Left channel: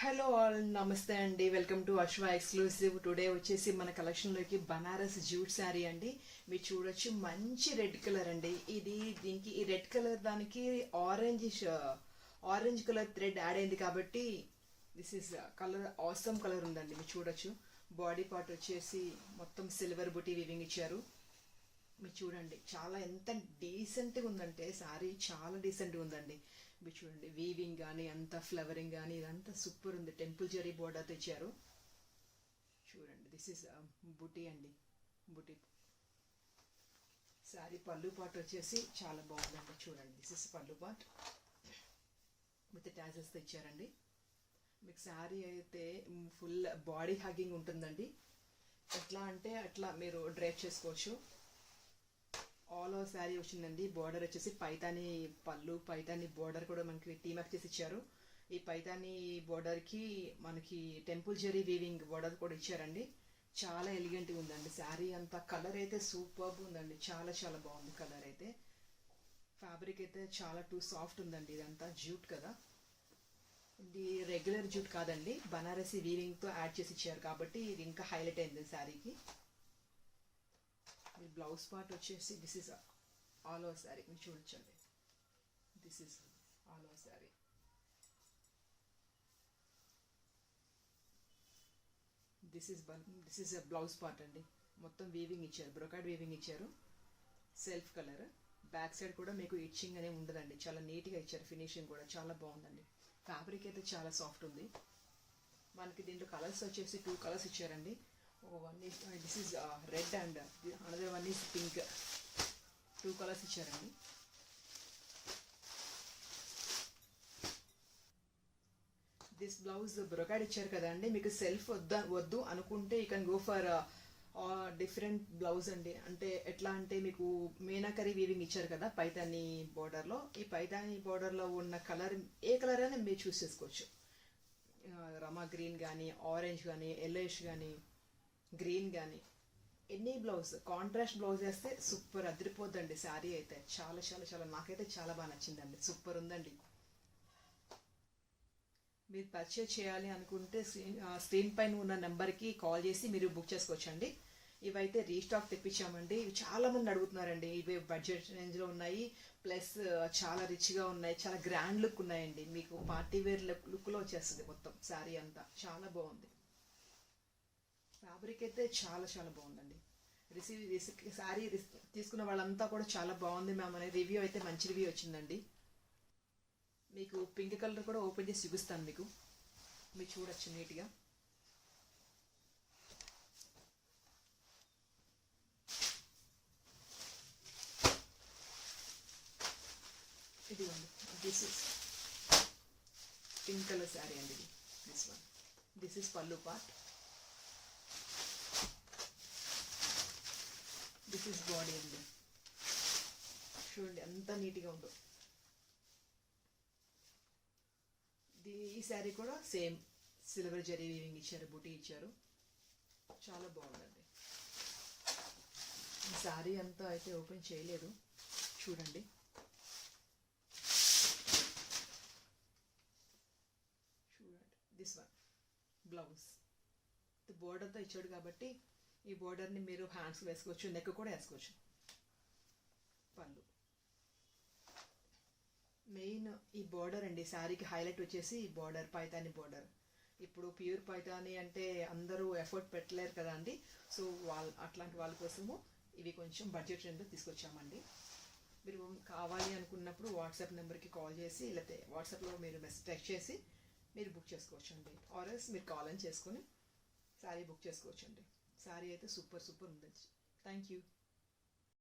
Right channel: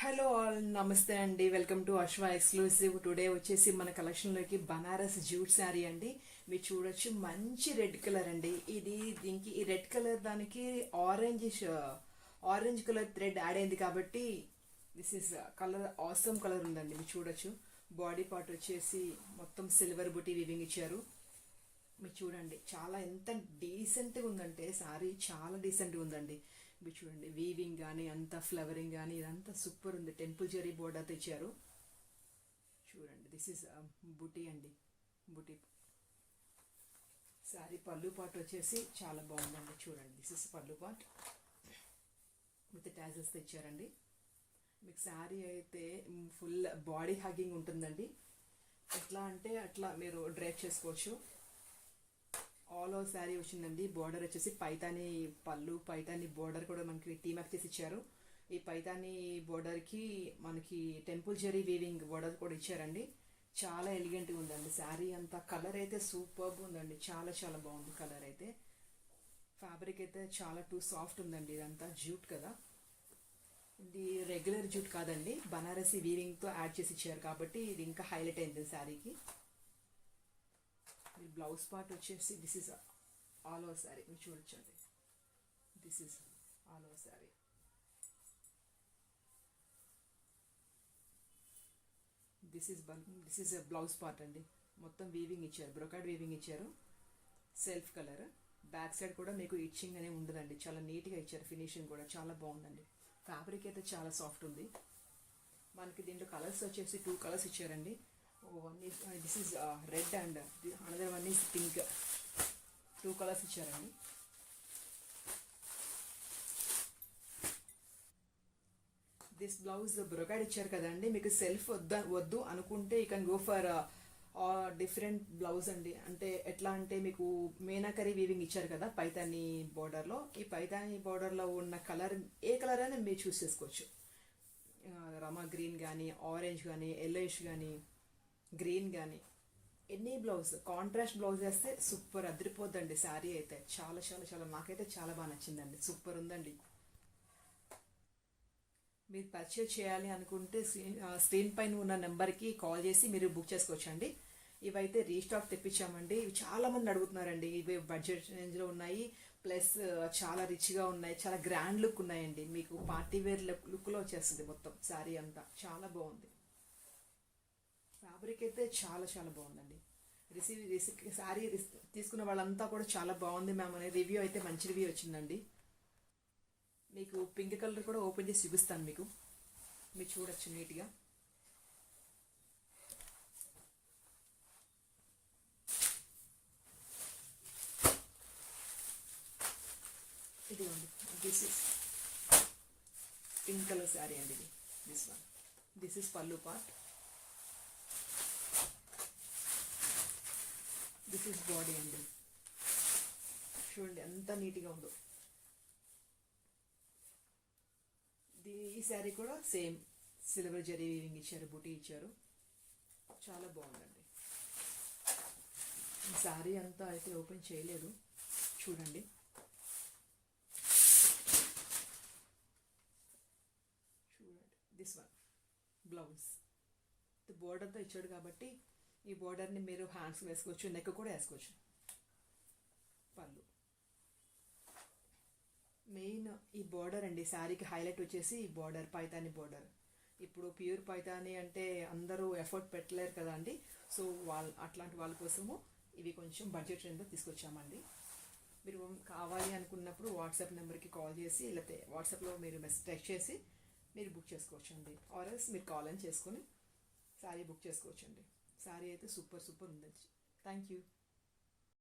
Hello all, నమస్తే అండి. Welcome to Ashwa exclusive. Today వచ్చేసి మన కలెక్షన్లోకి బనారస్ జూట్ శారీ అండి. మీరు చూడొచ్చు, మంచి రెడ్ కలర్ అండి. దీనికి ఈ రెడ్ కలర్ దానికి ఆరెంజ్ కలర్ థ్రెడ్ యాడ్ అయింది కాబట్టి this is colour awesome colour ఉందండి. మీరు చూడొచ్చు, బాడీ పార్ట్ వచ్చేసి మొత్తం సిల్వర్ బుటీ వీవింగ్ ఇచ్చారు. మీరు చూడండి, చాలా ఎంత డీసెంట్గా ఉందంటే శారీ చాలా డీసెంట్గా ఉందండి. మీరు చూడండి, వీవింగ్ కానీ అంత ఫ్లవరింగ్ కానీ ఇదంతా సూపర్ ఉంది. టెంపుల్ జరీ బోర్డర్ తెచ్చారు. చూడండి, దిస్ ఈస్ బుటీ అండి. బుటీ శారీ పళ్ళు పాట్ వచ్చేసి చాలా బాగుందండి. చూడండి, దిస్ ఇస్ పళ్ళు పాట్ విత్ టాజెస్ తెచ్చారండి. మీకు శారీ అయితే ఫుల్ బాడీ హగ్గింగ్ ఉంటుందండి. ఎట్లా అంటే అట్లా మీరు డ్రైప్ చేసుకోవచ్చు. ఆల్ ఓవర్ శారీ వచ్చిందండి. బోర్డర్ వచ్చేసి పైతాని పళ్ళు, పైతాని బోర్డర్ కూడా మనకి టీమప్ చేసి ఇచ్చారు. ఈ పైతాని బోర్డర్కి మనకి టెంపుల్ జరీ వీవింగ్ బోర్డర్ కూడా ఇచ్చారండి. చాలా ఎలిగెంట్గా ఉందండి శారీ అంతా. కలర్ అయితే సూపర్గా ఉందండి. చాలా చాలా బాగుంది కలర్ అయితే. ఫ్యాబ్రిక్ అయితే చాలా సాఫ్ట్ ఉందండి. ఇదంతా జూట్ కదా, ఇది రెగ్యులర్ జూట్ కాదండి, బనారసి వీవింగ్తో యాడ్ చేసి ఇచ్చారు కాబట్టి ఇది ఇంకా హైలైట్ అయింది శారీకి. ఈ బ్లౌజ్ పార్ట్ వచ్చేసి this is all over sari. మీరు చూడొచ్చండి, this is all over sari. This is blouse part అండి. మొత్తం వీవింగ్ ఇచ్చారు, బ్రొకాడ్ వీవింగ్ ఇచ్చారు. Self colour. బ్యాక్ సైడ్ కూడా మీకు ఇచ్చింగ్ అనేది ఉండదండి. చాలా నీట్గా ఇచ్చారు. ఫినిషింగ్ కూడా చాలా బాగుందండి. ఫ్యాబ్రిక్ అయితే చాలా సాఫ్ట్ ఉంది. మనకి దీంట్లో కలర్స్ వచ్చేసి 2 కలర్స్ ఇచ్చారండి. One is this is red and another one is pink. 2 colours ఇచ్చారండి. దిస్ బ్లౌజ్ బ్రొకాడ్ ఇచ్చారు కదండి. మీకు సెల్ఫ్ వద్దు అనుకుంటే you can go for different blouse అండి. అంటే ఎట్లా అంటే మీకు మీనాకరీ వీవింగ్ ఇచ్చారు కదా పైతాని బోర్డర్లో. ఈ పైతాని బోర్డర్లో ఉన్న కలర్ ఏ కలర్ అయినా మీరు చూస్ చేసుకోవచ్చు. రమా గ్రీన్ కానీ, ఆరెంజ్ కానీ, ఎల్లోయిష్ కానీ, గ్రీన్ కానీ, ఎనీ బ్లౌజ్ కాంట్రాస్ట్ బ్లౌజ్ వేస్తే సూపర్ అదిరిపోద్దండి శారీ అయితే. చాలా చాలా చాలా నాకైతే చాలా బాగా నచ్చిందండి. సూపర్ ఉందండి. మీరు పర్చేజ్ చేయాలి అనుకుంటే స్క్రీన్ పైన ఉన్న నెంబర్కి కాల్ చేసి మీరు బుక్ చేసుకోవచ్చండి. ఇవైతే రీస్టాక్ తెప్పించామండి. ఇవి చాలా మంది అడుగుతున్నారండి. ఇవి బడ్జెట్ రేంజ్లో ఉన్నాయి, ప్లస్ చాలా రిచ్గా ఉన్నాయి, చాలా గ్రాండ్ లుక్ ఉన్నాయండి. మీకు పార్టీ వేర్ లుక్లో వచ్చేస్తుంది మొత్తం శారీ అంతా. చాలా బాగుంది. ఫ్యాబ్రిక్ అయితే చాలా చాలా బాగుందండి. శారీ తీసుకున్న వాళ్ళంతా కూడా చాలా బాగుంది మ్యామ్ అనే రివ్యూ అయితే మంచి రివ్యూ వచ్చిందండి. మీకు పింక్ కలర్ కూడా ఓపెన్ చేసి చూపిస్తాను మీకు. మీరు చూడొచ్చు నీట్గా. ఇది ఉంది, this is pink colour sari అండి. ఇది దిస్ వన్. దిస్ ఇస్ పల్లు పార్ట్. దిస్ ఇస్ బాడీ అండి. చూడండి ఎంత నీట్గా ఉందో. ఈ శారీ కూడా సేమ్ సిల్వర్ జరీ వీవింగ్ ఇచ్చారు, బుటీ ఇచ్చారు. చాలా బాగుందండి. ఈ శారీ అంతా అయితే ఓపెన్ చేయలేదు, చూడండి. చూడండి, దిస్ వన్ బ్లౌజ్ బోర్డర్తో ఇచ్చాడు కాబట్టి ఈ బోర్డర్ని మీరు హ్యాండ్స్ వేసుకోవచ్చు, నెక్ కూడా వేసుకోవచ్చు. పళ్ళు మెయిన్ ఈ బోర్డర్ అండి. శారీకి హైలైట్ వచ్చేసి ఈ బోర్డర్, పైతాని బోర్డర్. ఇప్పుడు ప్యూర్ పైతాని అంటే అందరూ ఎఫర్ట్ పెట్టలేరు కదా అండి. సో అట్లాంటి వాళ్ళ కోసము ఇవి కొంచెం బడ్జెట్ రేంజ్లో తీసుకొచ్చామండి. మీరు కావాలి అనుకున్నప్పుడు వాట్సాప్ నెంబర్కి కాల్ చేసి, లేకపోతే వాట్సాప్లో మీరు టెక్స్ట్ చేసి మీరు బుక్ చేసుకోవచ్చు అండి. ఆర్ఎల్స్ మీరు కాల్ అని చేసుకొని శారీ బుక్ చేసుకోవచ్చు అండి. శారీ అయితే సూపర్ సూపర్ ఉందండి. Thank you.